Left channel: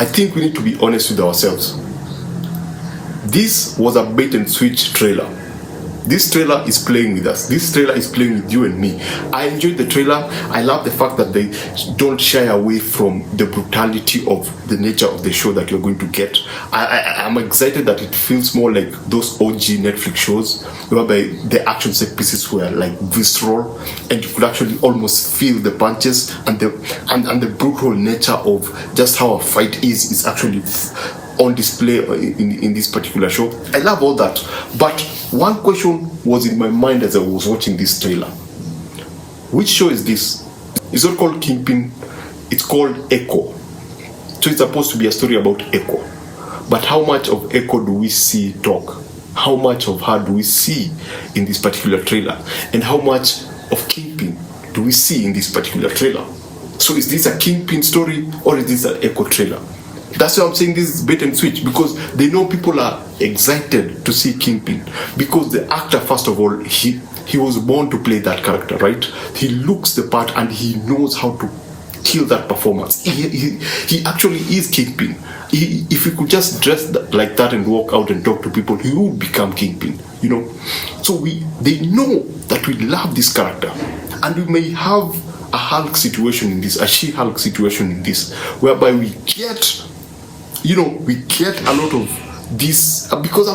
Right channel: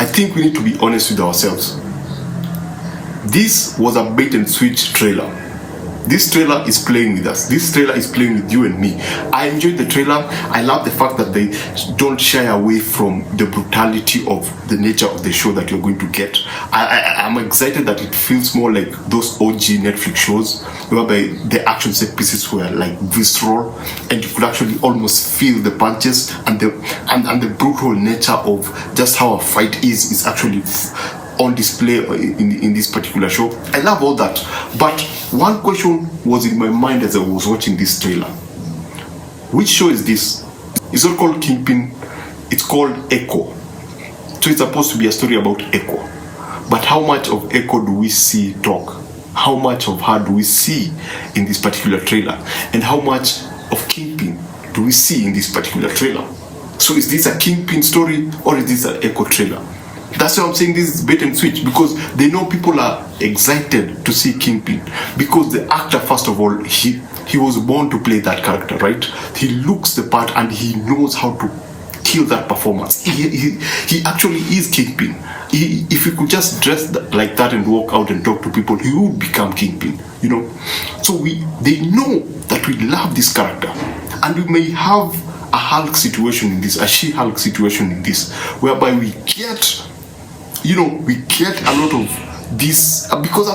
I think we need to be honest with ourselves. This was a bait and switch trailer. This trailer is playing with us. This trailer is playing with you and me. I enjoyed the trailer. I love the fact that they don't shy away from the brutality of the nature of the show that you're going to get. I'm excited that it feels more like those OG Netflix shows whereby the action set pieces were like visceral and you could actually almost feel the punches and the brutal nature of just how a fight is actually on display in this particular show. I love all that. But one question was in my mind as I was watching this trailer. Which show is this? It's not called Kingpin, it's called Echo. So it's supposed to be a story about Echo. But how much of Echo do we see talk? How much of her do we see in this particular trailer? And how much of Kingpin do we see in this particular trailer? So is this a Kingpin story or is this an Echo trailer? That's why I'm saying this is bait and switch, because they know people are excited to see Kingpin. Because the actor, first of all, he was born to play that character, right? He looks the part and he knows how to kill that performance. He actually is Kingpin. If he could just dress like that and walk out and talk to people, he would become Kingpin, you know. So they know that we love this character, and we may have a Hulk situation in this, a She-Hulk situation in this, whereby we get a lot of this, because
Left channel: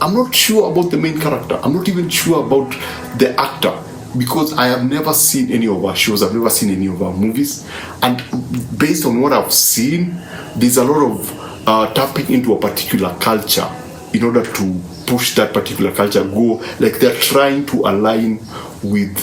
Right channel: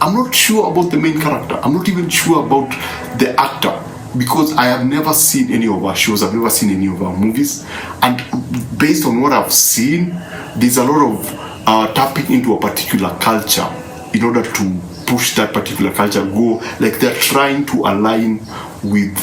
I'm not sure about the main character. I'm not even sure about the actor, because I have never seen any of our shows, I've never seen any of our movies, and based on what I've seen, there's a lot of tapping into a particular culture in order to push that particular culture, go like they're trying to align with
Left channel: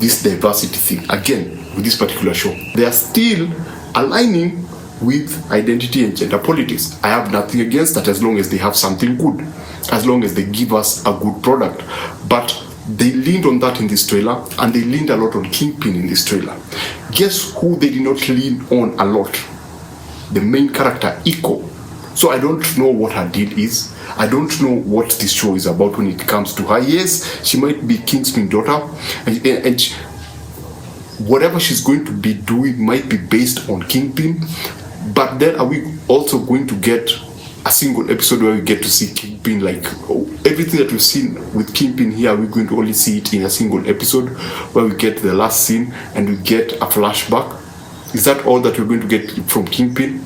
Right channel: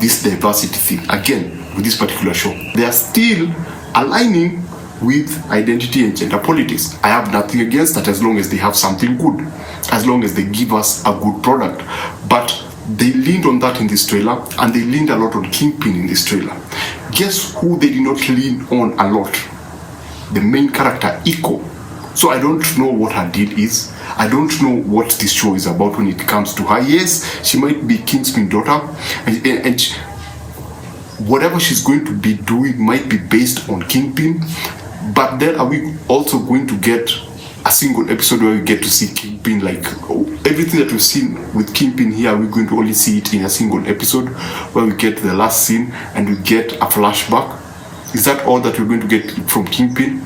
this diversity thing again with this particular show. They are still aligning with identity and gender politics. I have nothing against that as long as they have something good, as long as they give us a good product. But they leaned on that in this trailer, and they leaned a lot on Kingpin in this trailer. Guess who they did not lean on a lot? The main character, Echo. So I don't know what her deal is. I don't know what this show is about when it comes to her. Yes, she might be Kingpin's daughter, and whatever she's going to be doing might be based on Kingpin. But then are we also going to get a single episode where we get to see Kingpin, like everything that we've seen with Kingpin here, we're going to only see it in a single episode where we get the last scene and we get a flashback? Is that all that we're going to get from Kingpin?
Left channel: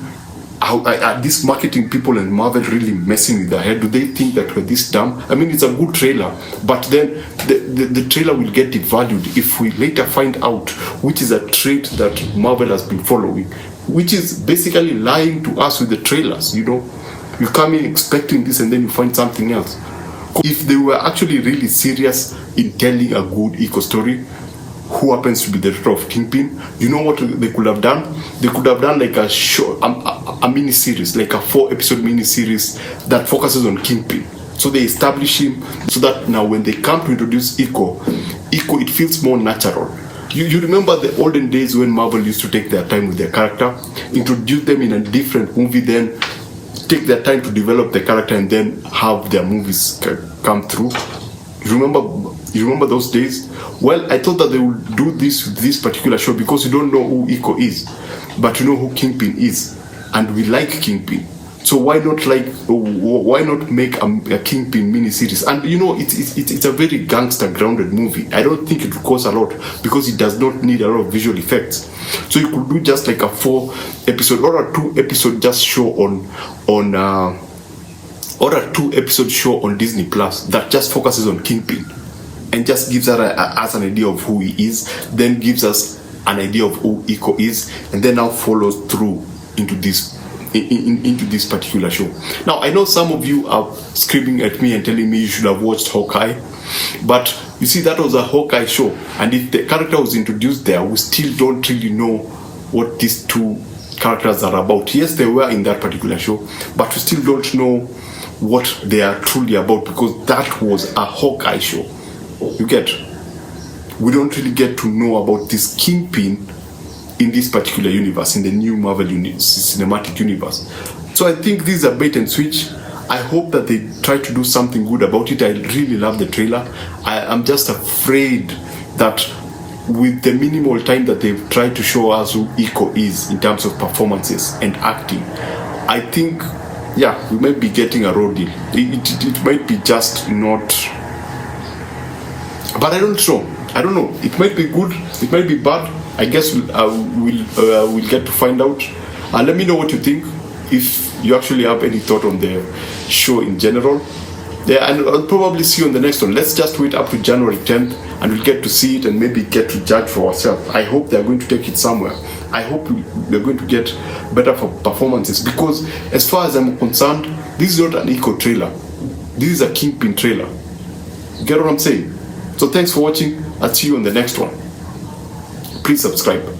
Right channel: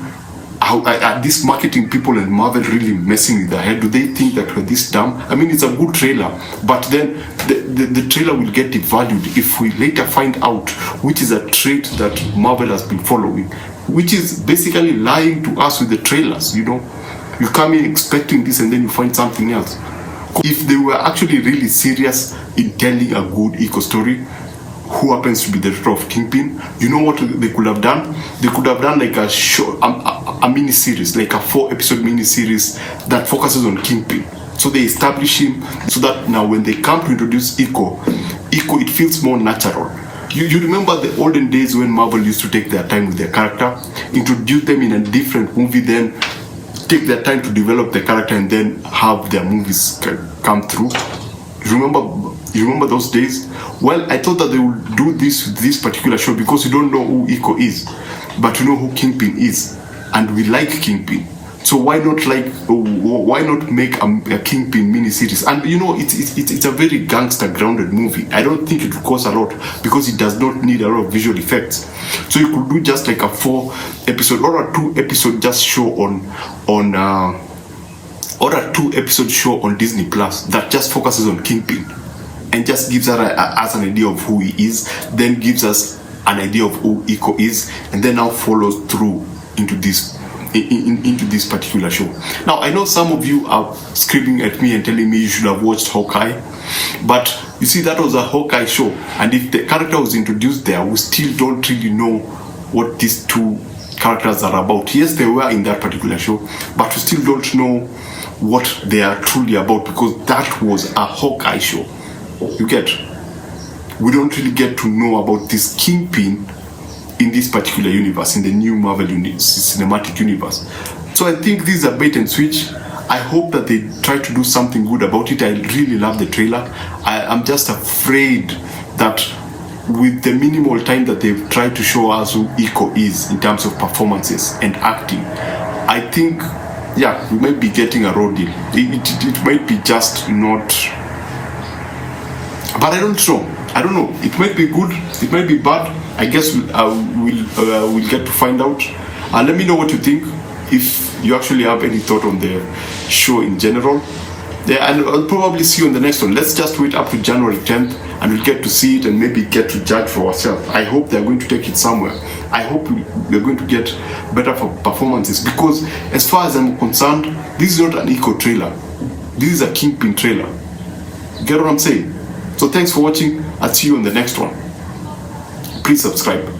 Are these marketing people and Marvel really messing with their head? Do they think that we're this dumb? I mean, it's a good trailer, but then the trailer will get devalued if we later find out which is a trait that Marvel has been following, which is basically lying to us with the trailers, you know. You come in expecting this and then you find something else. If they were actually really serious in telling a good Echo story, who happens to be the daughter of Kingpin, you know what they could have done? They could have done like a show, a mini-series, like a 4-episode mini-series that focuses on Kingpin. So they establish him so that now when they come to introduce Echo, it feels more natural. You remember the olden days when Marvel used to take their time with their character, introduce them in a different movie, then take their time to develop the character and then have their movies come through. You remember those days? Well, I thought that they would do this with this particular show because you don't know who Echo is, but you know who Kingpin is, and we like Kingpin. So why not make a Kingpin mini-series? And you know, it's a very gangster-grounded movie. I don't think it will cost a lot because it does not need a lot of visual effects. So you could do just like a 4-episode or a 2-episode just show on a 2-episode show on Disney Plus that just focuses on Kingpin and just gives us an idea of who he is, then gives us an idea of who Echo is, and then now follows through into this particular show. Now, I know some of you are screaming at me and telling me you should have watched Hawkeye, but you see, that was a Hawkeye show, and if the character was introduced there, we still don't really know what these two characters are about. Yes, they were in that particular show, but we still don't know what they are truly about because that was a Hawkeye show. You get? We don't really get to know about this Kingpin in this particular universe, in the new Marvel cinematic universe. So I think this is a bait and switch. I hope that they try to do something good about it. I really love the trailer. I'm just afraid that with the minimal time that they've tried to show us who Iko is in terms of performances and acting, I think, yeah, we might be getting a raw deal. It might be just not, but I don't know. It might be good, it might be bad. I guess we'll get to find out. Let me know what you think, if you actually have any thought on the show in general. Yeah, and I'll probably see you on the next one. Let's just wait up to January 10th and we'll get to see it and maybe get to judge for ourselves. I hope they're going to take it somewhere. I hope we're going to get better performances, because as far as I'm concerned, this is not an Iko trailer. This is a Kingpin trailer. You get what I'm saying? So thanks for watching. I'll see you on the next one. Please subscribe.